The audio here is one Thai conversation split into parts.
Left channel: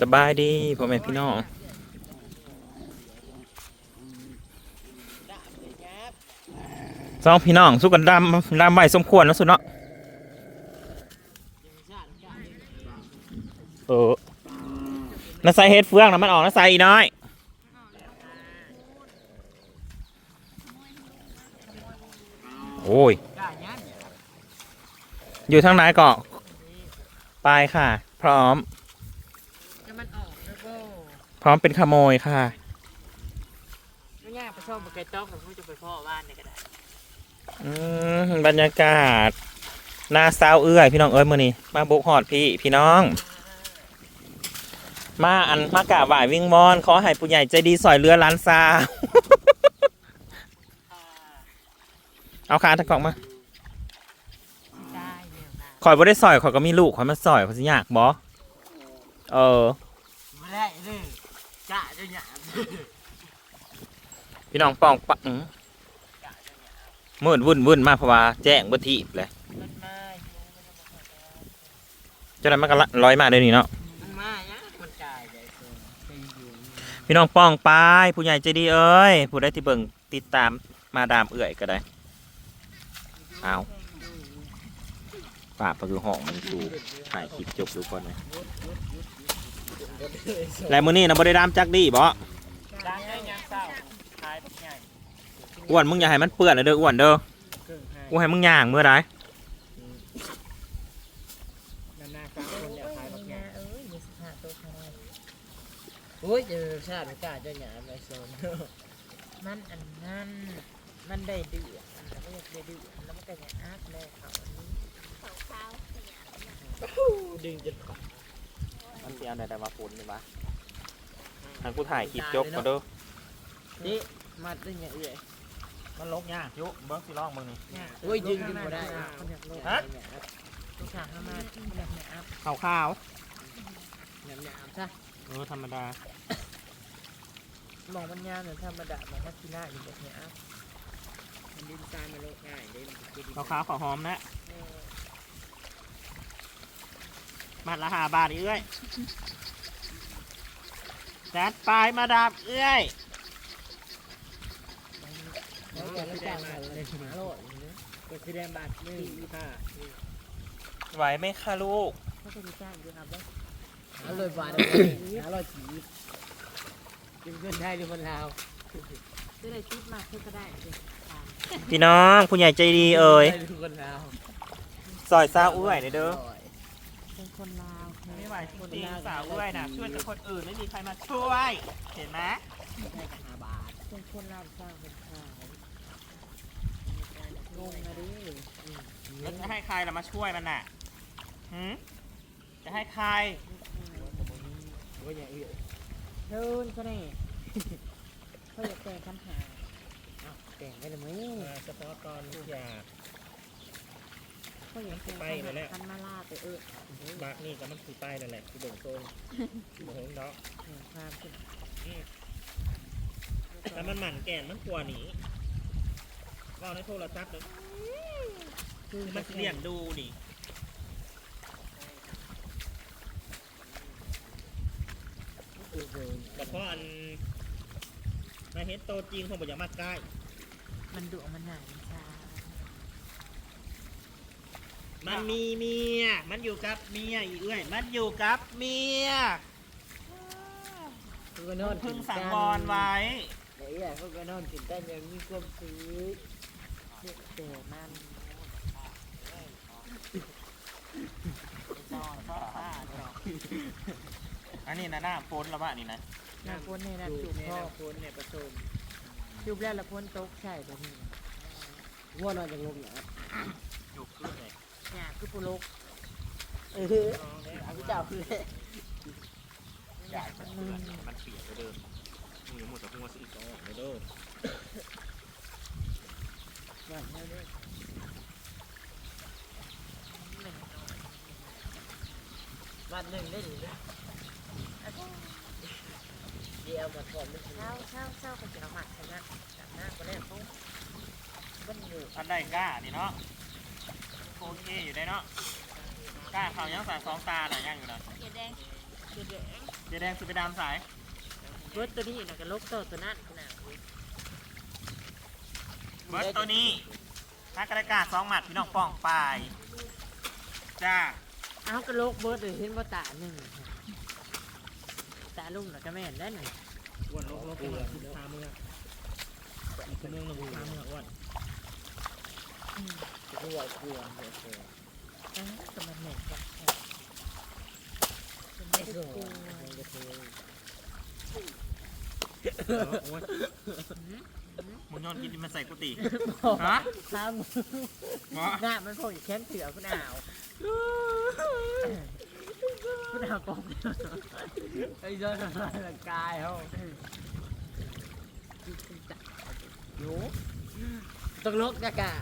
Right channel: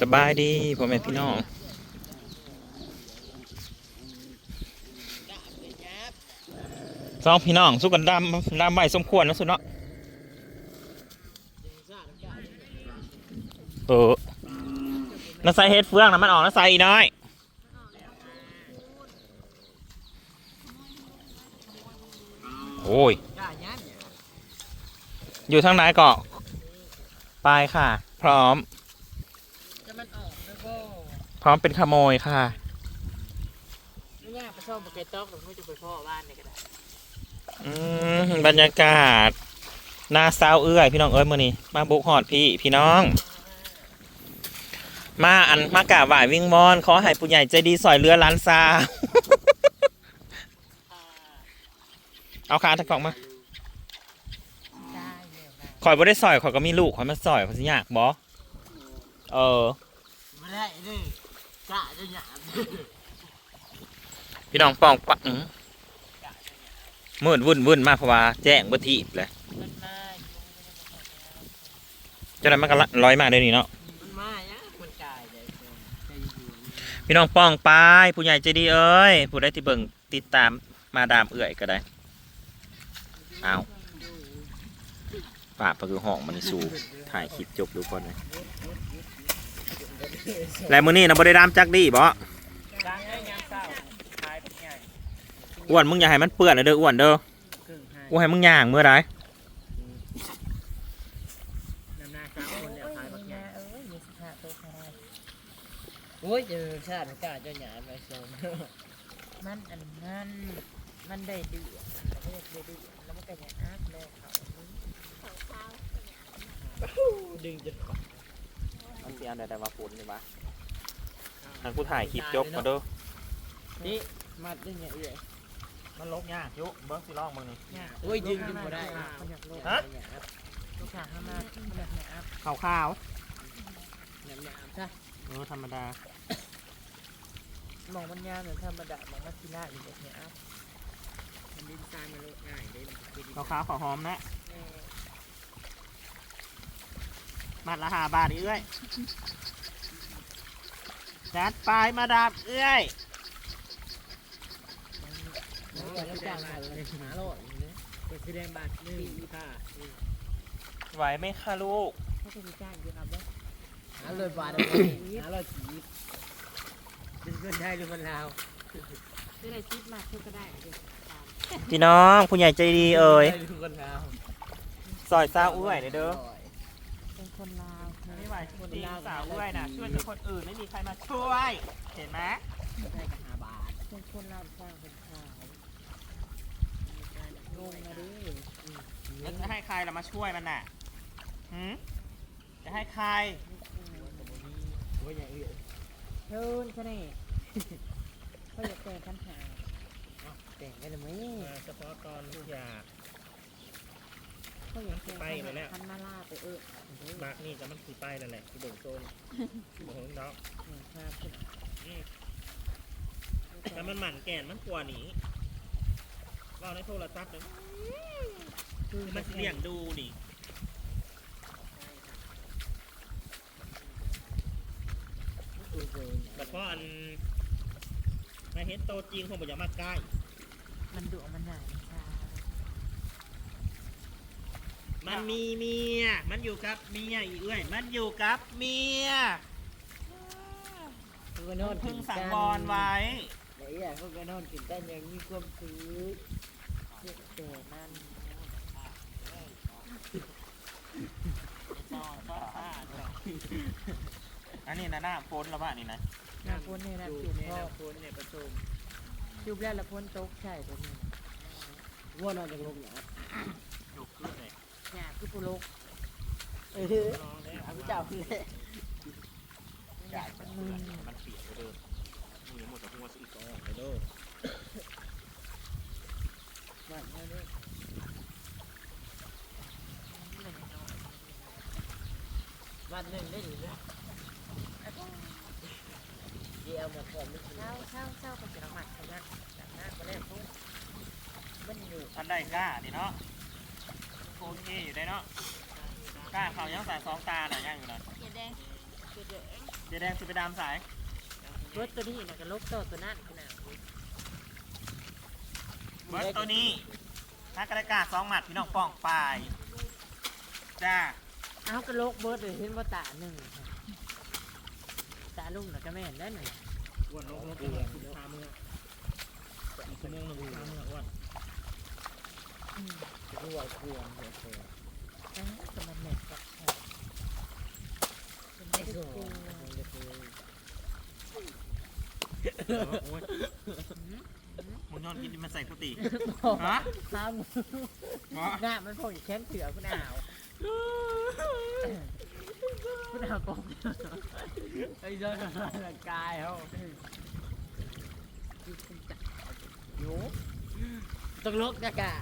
สบายดีพ่อแม่พี่น้องสองพี่น้องสู้กันดำดำใบสมควรแล้วสุดเนาะเออน้าใส่เฮ็ดเฟืองนะมันออกน้าใส่อีน้อยโอ้ย อยู่ทางไหนเกาะไปค่ะ พร้อม จะมันออกแล้วก็ พ ร้อมเป็นขโมยค่ะ ไม่ยากไปชอบไก่ต๊อกผมก็จะไปพ่อบ้านเนี่ยก็ได้อืมบรรยากาศหน้าเศร้าเอื้อยพี่น้องเอ้ยมือนี้มาบุกหอดพี่พี่น้อง มาอันมากราบไหว้วิ่งมอนขอให้ผู้ใหญ่ใจดีสอยเรือล้านซาวเอาขาตะกล่องมาได้เร็วนะข่อยบ่ได้สอยข่อยก็มีลูกข่อยมาสอยข่อยสิยากบ่เออ ไม่ได้เลย จ้าจะหยาบพี่น้องป้องปะอื้อมืดวุ่นวุ่นมากเพราะว่าแจ้งบ่ทีเลยมันได้เจ้านั้นมันก็ละร้อยมาเดี๋ยวนี้เนาะพี่น้องป้องปายผู้ใหญ่ใจดีเอ้ยผู้ได้ที่เบิ่งติดตามมาดามเอื่อยก็ได้เอาป่าปะคือห้องมันสูถ่ายคลิปจบทุกคนเลย แล้วมื้อนี้นะบ่ได้ดามจักดีบ่ดังได้ยามเศร้าทายแบบใหญ่อ้วนมึงอย่าให้มันเปื้อนเลยเด้ออ้วนเด้อครึ่งให้กูให้มึงย่างเมื่อไรนำหน้าสามคนแล้วทายแบบใหญ่เอ้ยมีสิบห้าตัวใครได้โอ้ยเจอชาติกาจะหยาบไปโซนมันอันนั้นมันได้เดือดแล้วก็อยากได้เดือดแล้วมันก็อยากอัพแล้วเขาอันนี้ดึงจนขาด มันสิอันใดแต่ว่าฝนนี่วะทางกูถ่ายคลิปจบมาเด้อนี่มัดได้ไงเอ้ยมันลบยากยุเบิ้งสิลองมึงนี่โอ้ยดึงดึงบ่ได้ฮะลูกค้าเข้ามาแบบเนี้ยอัพขาวขาวแบบเนี้ยอัพซะๆเออธรรมดามองมันยาวเหมือนธรรมดามองมันทีหน้าอยู่แบบเนี้ยอัพมันดินทรายมันโลดง่ายเลยมันจะดีขาวขาวขาวหอมนะ มัดละหาบาทอีกเอ้ยจัดไปมาดามเอ้ยแล้วแต่ละจานอะไรหาโลดอย่างนี้ตัวสีแดงบาทหนึ่งค่ะไหวไหมคะลูกเขาจะมีจ้างอยู่ครับเลยหาเลยบาทหาเลยฉีดเป็นเงินไทยหรือมันลาวจะได้คิดมากก็ได้พี่น้องผู้ใหญ่ใจดีเอ่ยหรือคนลาวซอยซาเอ้ยเด้อ เป็นคนลาวไม่ไหวจริงๆสาวเอ้ยนะช่วยแต่คนอื่นไม่มีใครมาช่วย เห็นไหมได้กับห้าบาทเป็นคนลาวสร้างเป็นขายงงนะดิแล้วจะให้ใครล่ะมาช่วยมันน่ะหืมจะให้ใครว่าอย่างอื่นเทินซะแน่เขาอยากแต่งปัญหาแต่งไปเลยมั้ยเฉพาะตอนอยาก เขาอยากแต่งไปเลยแหละ คันมาล่าไปเออบักนี่ก็มันสีไปนั่นแหละคือเบิ่งโซนเบิ่งเนาะความคิดแต่มันหมั่นแก่นมันกลัวหนีว่าในโทรศัพท์เลยคือมันสิเลี้ยงดูนี่แต่พออันมาเห็นโตจริงคงบอกอย่ามาใกล้ มันดุมันหนักมันชา มันมีเมีย มันอยู่กับเมียอีเอ้ยมันอยู่กับเมียคือก็นอนพึ่งสังวรไว้ไอ้ยเขาก็นอนกินได้ยังมีความสุขเด็กเกิดนั่นอันนี้นะหน้าโฟนแล้วว่านี่นะน้ำพ้นเนี่ยนะจุดพ่อพ้นเนี่ยประตูจุบแล้วละพ้นตกใช่ตัวนี้ ว่านอนจากลมเนี่ย จุกขึ้นเลย เนี่ย คือปุโรกเออน้องเนี่ยเอาพี่เจ้าคือใหญ่มันเปื้อนมันเปียกไปเดิมมึงอย่าหมดแต่หัวสิอีกสองไปเด้อมันไม่ได้วันหนึ่งได้หรือเดี๋ยวมาก่อนเช้าเช้าเช้าก็จะละหมาดชนะแบบหน้าก็แล้วปุ๊บมันอยู่อันใดกล้านี่เนาะ โอเคอยู่ได้เนาะกล้าเขายังใส่สองตาหน่อยยังอยู่นะเขียดแดงเขียดแดงเจ๊แดงสิไปดามสายรถตัวนี้นะกับรถตัวตัวนั้นขนาดนี้เบิร์ดตัวนี้นักกระกาสองหมัดพี่น้องป้องปลายจ้าเอากระโลกเบิร์ดเลยเห็นว่าตาหนึ่งตาลุงน่ะก็แม่นได้หนึ่งอ้วนลกลกอ้วนคือพาเมื่ออีกคนนึงหนึ่งพาเมื่ออ้วนกลัวกลัวเฉยๆอะก็มันแม่นกับแค่ไม่ได้กลัวโอ้ยมึงนอนกินมันใส่กุฏิฮะฮะข้ามหมอหน้ามันพออยู่แค้นเสือคุณอ่าวคุณอ่าวกองไอ้เจ้าทำลายร่างกายเขาโยต้องลกกะกะ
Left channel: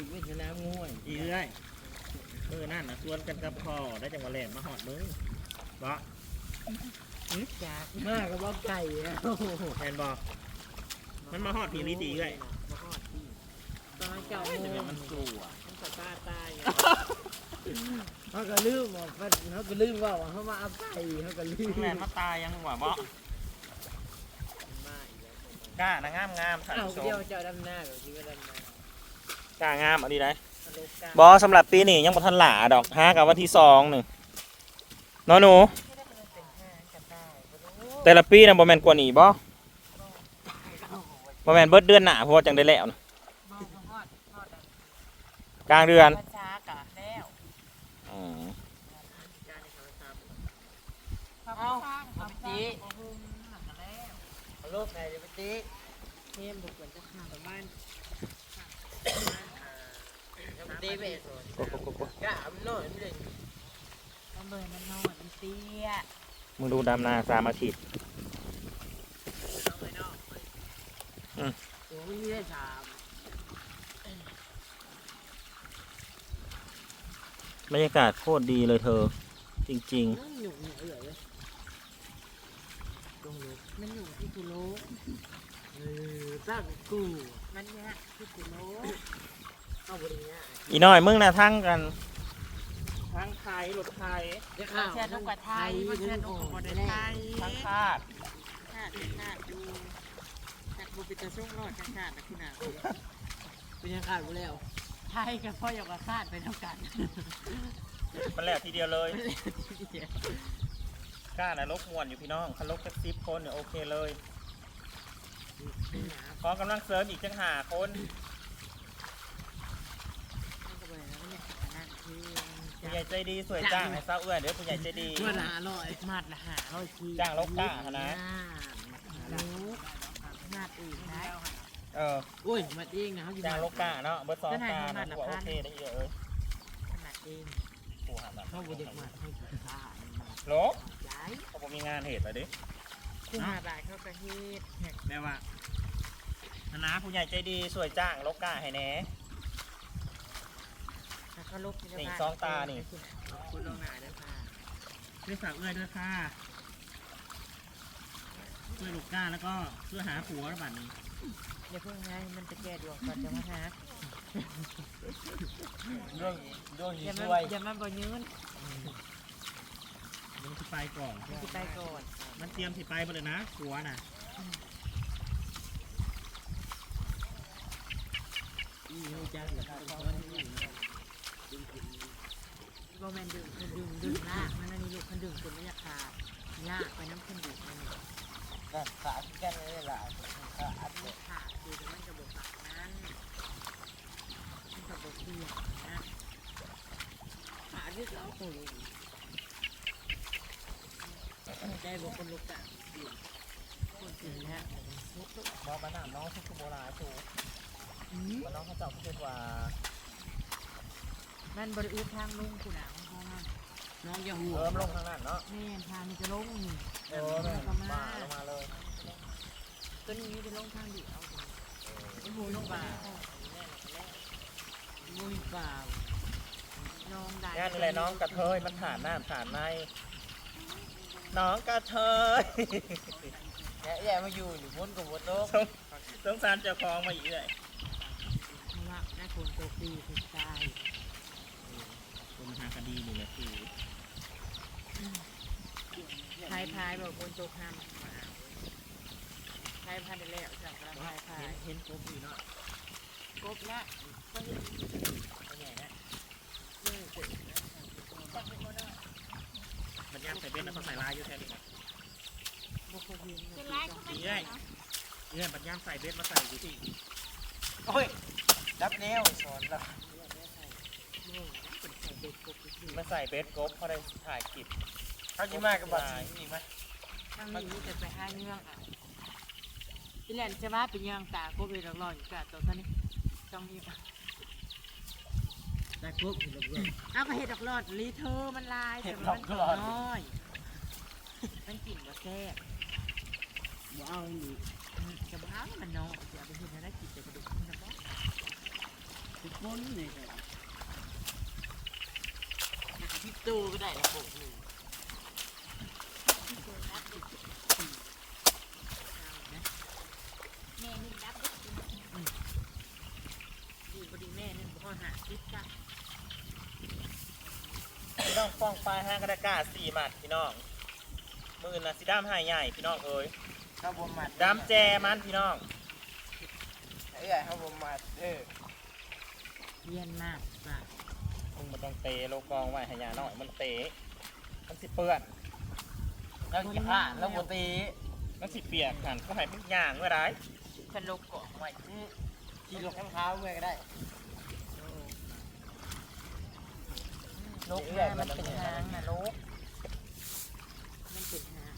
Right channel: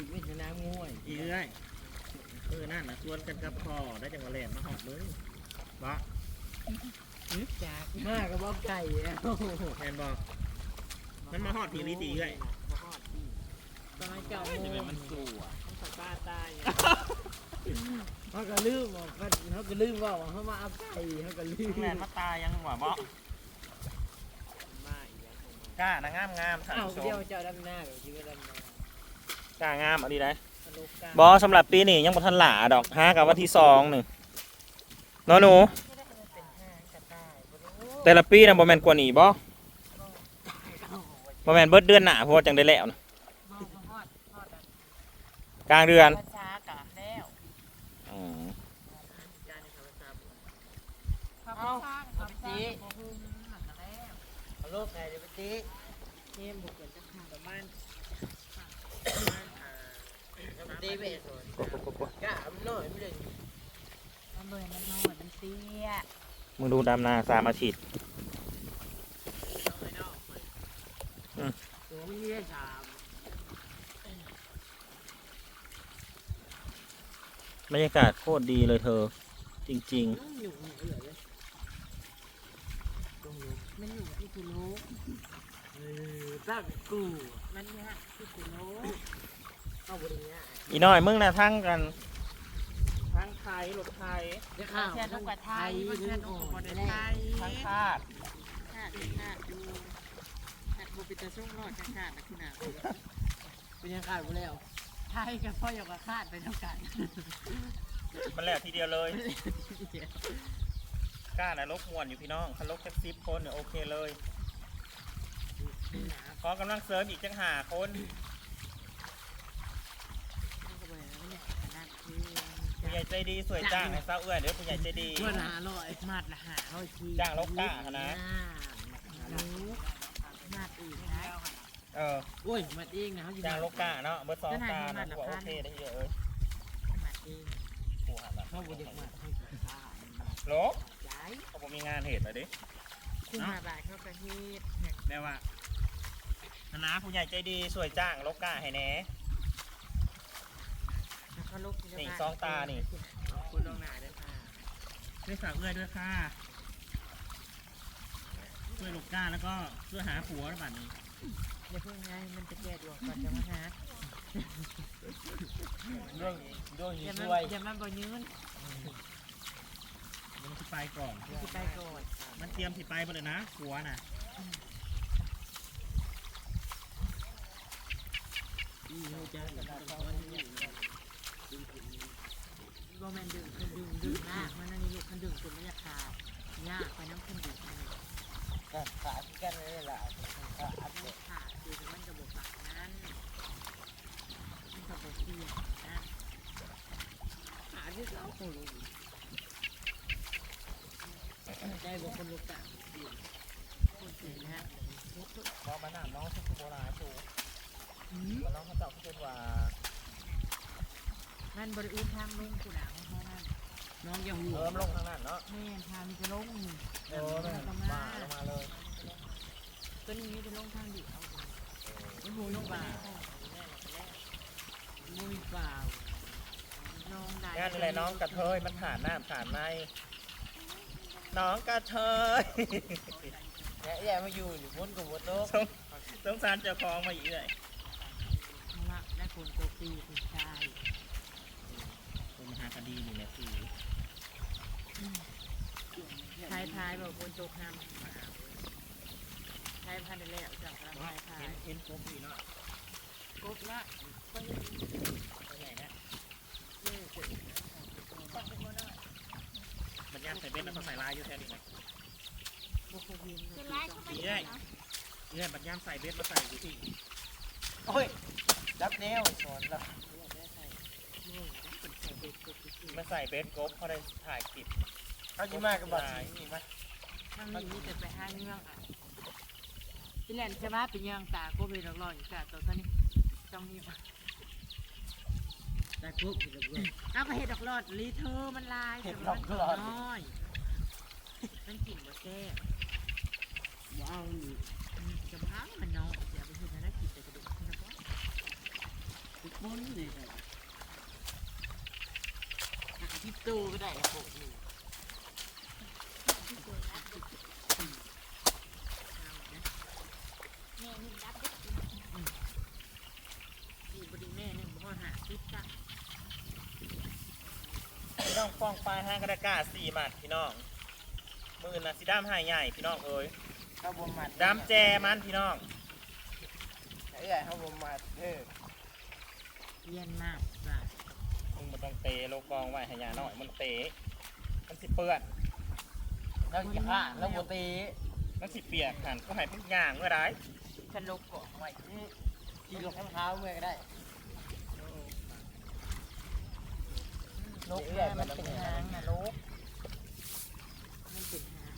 นะถึงไม่ชนะง่วยอีเอ้ยเออนั่นนะชวนกันกับพ่อได้จังหวะแหลมมาหอดมึงบอจากมากกับว่าไก่แล้วแทนบอกมันมาฮอดผีลิตีเลยมาฮอดผีตอนนั้นเจ้าโมจะเป็นงมันสู่อะต้องใส่ป้าตายเขาก็ลืมบอกเขาก็ลืมว่าเขามาเอาไก่เขาก็ลืมแม่มาตายยังหวะบอมาอีกแล้วคงมากล้านางามงามๆเอาสมเดียวเจ้าดำหน้าเดี๋ยวชีวิตดำหน้า กล้างามเอันนี้ได้ทะลุกาบอสำหรับปีนี้ยังบ่ทันหลาดอกฮากับวันที่สองหนึ่งน้อหนูไม่ได้มันเป็นห้างกันได้บ่รู้แต่ละปีนะบ่แม่นกว่านี้บ่บ่แม่นเบิดเดือนหน้าเพราะว่าจังได้แล้วนะบ่บ่ฮอดฮอดอันกลางเดือนภาษากะแล้วอืมการในคำภาษาเอาทำจีเอาโลกไก่เดี๋ยวไปตีเทมบุกเหมือนจะขาดประมาณ จะไปตีไปสอนกะมันน้อยไม่ได้เอาเบอร์มันนอนมันเตี้ยมึงดูดำนาสามอาทิตย์ตัวมันมีได้สามบรรยากาศโคตรดีเลยเธอ จริงหนุ่มหนุ่มเอื่อยเลยตรงนี้มันอยู่ที่กิโลเออตั้งกูมันยากที่กิโลเอีน้อยมึงนะทั้งกันทั้งไทยรถไทยจะข้าวเชื่อต้องกว่าไทยมันเชื่อต้องกว่าไทยทั้งชาติชาติชาติดูชาติบุปิตาส่งรอดชาติชาตินะคุณอาเป็นยังขาดกูแล้วไทยกับพ่ออยากกับชาติไปเท่ากันมันแหละทีเดียวเลยกล้านะลกมวนอยู่พี่น้องคันลกแค่สิบคนเนี่ยโอเคเลยขอกำลังเสริมอีกจังหาคน ก็เลยแล้วเนี่ยนั่นคือ ผู้ใหญ่ใจดีสวยจ้างให้เศร้าเอื้อนเดี๋ยวผู้ใหญ่ใจดีเพื่อนหาลอยมาดละหาร้อยทีจ้างลกกล้าหะนะรู้มาดอื่นได้เออโอ้ยมาเองนะเขาอยู่จ้างลกกาเนาะเบอร์สองกาขนานะดว่าขนาโอดเคได้เยอะเอ้ยขนาดเองผู้หาแบบเขาบริมาให้กินข้าวโลกย้ายเขาบอกมีงานเหตุอะไรดิคุณมาบ่ายเข้าประเทศเนี่ยแม่ว่าคณะผู้ใหญ่ใจดีสวยจ้างลกกาให้แหน่ แล้วก็ลุกนี่สองตานี่ คุณลองหนาด้วยค่ะช่วยสาวเอื้อยด้วยค่ะช่วยลูกก้าแล้วก็เพื่อหาผัวระบาดนี้เดี๋ยวเพิ่งไงมันจะแก้ดวงก่อนจะมาหาเรื่องเรื่องอย่านี้มันด้วยอย่ามันบ่ยืนมันสิไปก่อน สิไปก่อนมันเตรียมสิไปหมดเลยนะผัวน่ะอีเขาจะเป็นคนที่ บ่แม่นดึงคือดึงดึงมากมันนั่นนี่ลูกมันดึงจนไม่อยากขาดยากไปน้ำขึ้นดึงมันนี่ขาขาที่กันเลยล่ะขาอัดมันขาดคือมันกระบอกปากนั้นมันกระบอกเปียกนะขาที่เขาโอ้โหใจบอกคนลุกอะคนเกิดแล้วพอมาหนามน้องชุกโบราณสูมันน้องเขาเจ้าเขาเป็นว่า มันบริอุทางลงกูหนาวเพราะมันน้องยังหัวเริ่มลงทางนั้นเนาะแม่นทางมันจะลงนี่เออแม่ก็มามาลงมาเลยตัวนี้จะลงทางเดียวไอ้หูน้องป่ามุ้ยป่าน้องได้งานนี่แหละน้องกระเทยมันฐานหน้าฐานในน้องกระเทยแย่แย่มาอยู่อยู่บนกับบนโลกสงสงสารเจ้าของมาอีกเลยเพราะว่าได้คนโตปีติดใจ เป็นมหาคดีนี่แหละคือเท้ายท้ายบอกคนตกห้ามมาเอาท้ายพันได้แล้วจับกำลังท้ายท้ายเห็นเห็นกบอยู่เนาะกบละก็เห็นตัวใหญ่นะเลิกเสร็จมันย่างใส่เบ็ดแล้วก็ใส่ลายอยู่แถวนี้นะบุคคลยินเป็นตีไรต้องก็ดีไม่ได้ได้เนี่ยมันย่างใส่เบ็ดมาใส่อยู่ที่โอ้ยรับแนวสอนแล้วโม่เป็น มาใส่เบ็ดกบเขาได้ถ่ายคลิปเขาจะมากับบัตรสีนี่ไหมมันมีมีแต่ไปห้าเงื่องอะพี่แหลมจะว่าเป็นยังตาก็เป็นรออยู่กะตัวนี้ต้องมีได้ปุ๊บเห็นแล้วเพื่อนเอาก็เห็ดดอกรอดลีเธอมันลายแต่มันน้อย มันกลิ่นบ่แซ่บว้าวนี่อืมจะบ้ามันน้อยอย่าไปเห็นนะกินแต่กระดูกมันนะบ่ทุกคนนี่ก็หนักที่ ตู้ก็ได้ละโปะหนึ่งเอานะแม่นี่รับได้ดีบดีแม่เนี่ยบ่หาติดจ้ะพี่น้องฟ้องปลายห้างกระดาษสี่หมัดพี่น้องมือนะสีดำหายใหญ่พี่น้องเอ้ยเขาบ่มัดดำแจมันพี่น้องเอ้ยเขาบ่มัดเออเยี่ยนมากจ้ะ มึงมันต้องเตะโลกองไว้ใหายาหน่อยมันเตะมันสิเปื้อนแล้วจะผ่านแล้วบ่ตีมันสิเปียกหันก็ให้มึงย่างเมื่อไรฉันลบเกาะไว้ขี่รถข้างเท้าเมื่อก็ได้ลกมามันเป็นหางนะลกมันเป็นหาง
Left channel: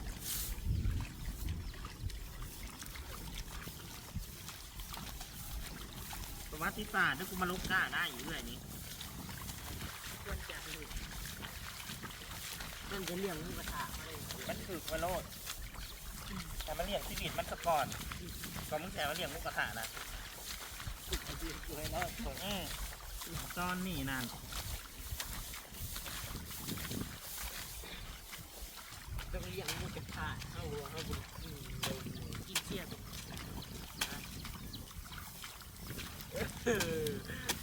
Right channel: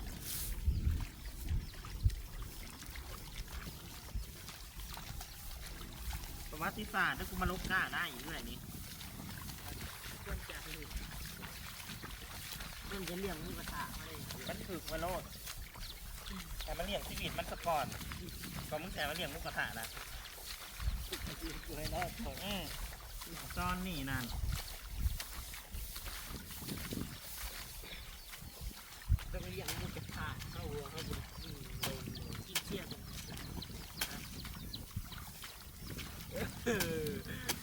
ประวัติศาสตร์ถ้ากูมาลบกล้าได้อยู่เรื่อยนี้ ควรจะหลุดมันจะเลี้ยงหมูกระทะมาเลยมันถือมาโลดแต่มันเลี้ยงชีวิตมันสะก่อนก็มึงแต่มาเลี้ยงมุกกระทะนะอยู่ให้รอดอืมจอนนี่นางต้องเลี้ยงหมูกระทะเข้าหัวเข้าบุญกินเลยกินเที่ยง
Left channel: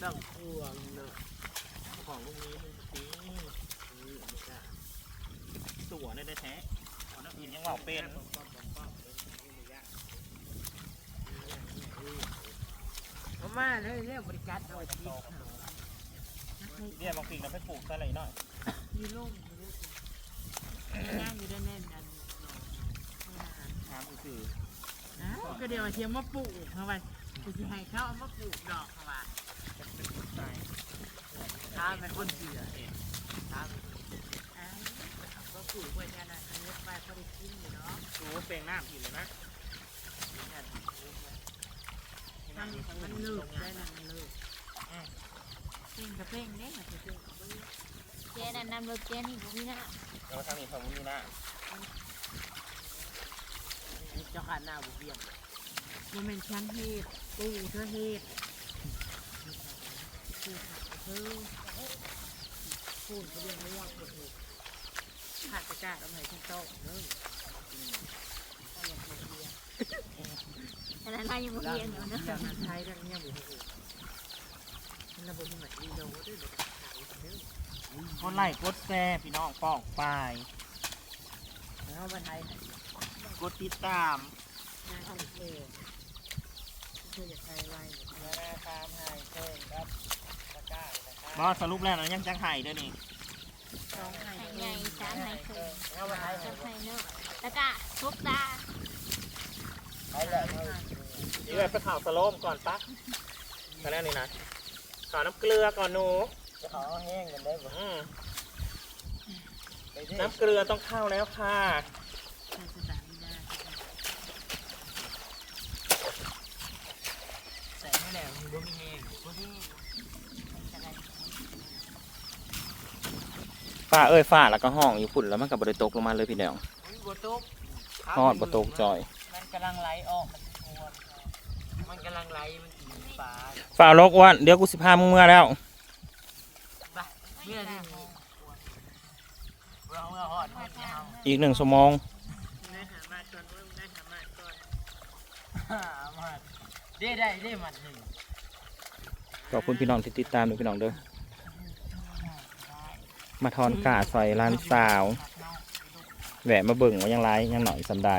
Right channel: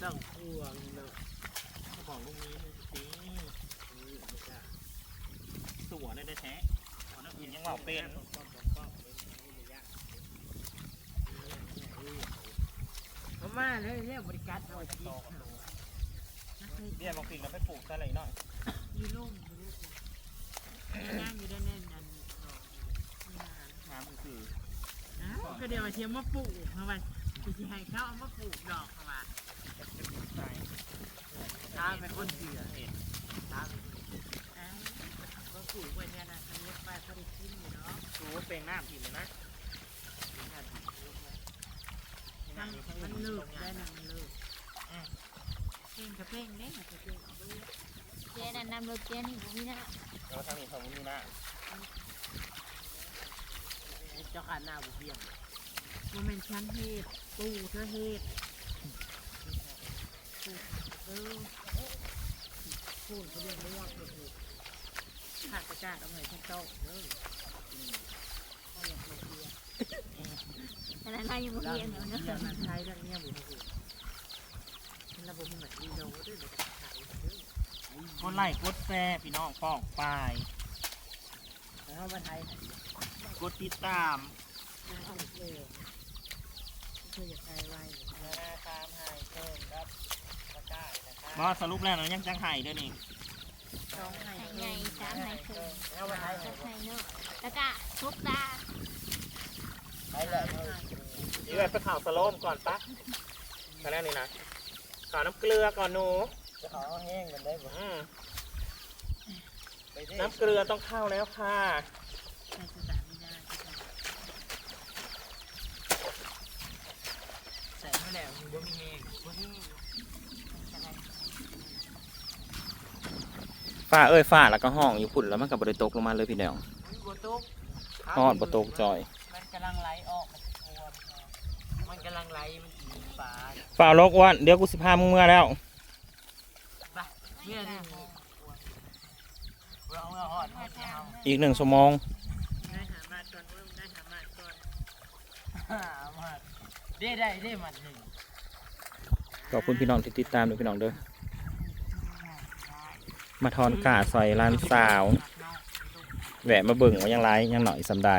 ต้องควงเนาะเขอกลูกนี้มึงตีสวได้ได้แท้เอน้ำอื่นยังเว่าเป็นเอามาเลยเรียกบริการเอาจีเบี้ยบางสิ่งเราไปปลูกซะเลยหน่อยยู่ลุ่มอยู่ลุ่มย่างอยู่ด้านแน่นอันหนองไม่นานน้ำคืออ้าวก็เดี๋ยวเทียมมาปลูกเขาว่าจะสิให้เขาเอามาปลูกดอกเขาว่าเป็ นปลูกทราเป็นคนเสือเห็นตาเป็นคนอ้าวก็ปลูกไว้เนี่ยนะอันนี้ไปพอได้กินอยู่เนาะดูว่เป็นน้ำผิดเลยนะมันมันเลิกได้นะมันเลิกเพ่งกับเพ่งเนี่ยมันจะเพ่งเพ่งเจ๊นั่นนำเบอรถเจ๊นี่บุมีนะแล้วทางนี้ทางนี้นะเจ้าขาหน้าบุเบี้ยงโมเมนชั้นเฮ็ดปูเธอเฮ็ดปูเธอ ปูนเขาเรียกม่วงหมดเลยขาดกระจาดเอาไว้ชั้นโต๊ะเด้อขนาดนั้นยังบุมีเนาะเดี๋ยวนั้นไทยดังเงี้ยบุเฮ็ดฉันระบบเหมือนอีโดด้วยเดี๋ยวจะขายเด้อกดไล่กดแซ่พี่น้องป้องปลายแล้วมาไทยหันกดติดตามหน้าที่เออเธออยากไทยไว้นานาตามให้เพิ่มครับตะกร้าตะกร้า บอสรุปแล้วนะยังจังไห้เด้วยนี่สองไห้ใหญ่สามใหญ่เคยเอาไปให้ใส่เนาะแล้วก็ทุกตาให้เลยไปข่าวสโลมก่อนปะตอนแรกนี่นะข่าวน้ำเกลือก่อนหนูจะขอแห้งกันได้บ่อืมดน้ำเกลือต้องเข้าแล้วค่ะใช่สถานมีนาที่เขาใส่มแล้วมีบ่มีแห้งบ่มี จะได้ ฝ้าเอ้ยฝ้าแล้วก็ห้องอยู่พุ่นแล้วมันกับบริตกลงมาเลยพี่น้องบัวตุกฮอดบตกจอย มันกำลังไหลออกมันโคนมันกำลังไหลมันกินปลาฝ้าลกอ้วันเดี๋ยวกูสิพามึงเมื่อแล้วปะเมื่อนี่มีเราเมื่อหอดหอดเอาอีกหนึ่งชั่วโมงได้หามาก่อนเริ่มได้หามาก่อนมาได้ได้ได้มัดหนึ่งขอบคุณพี่น้องที่ติดตามด้วยพี่น้องเด้อ มาทอนกาซอยร้านสาวแหวะมาเบิ่งว่ายังไรยังหน่อยสำได้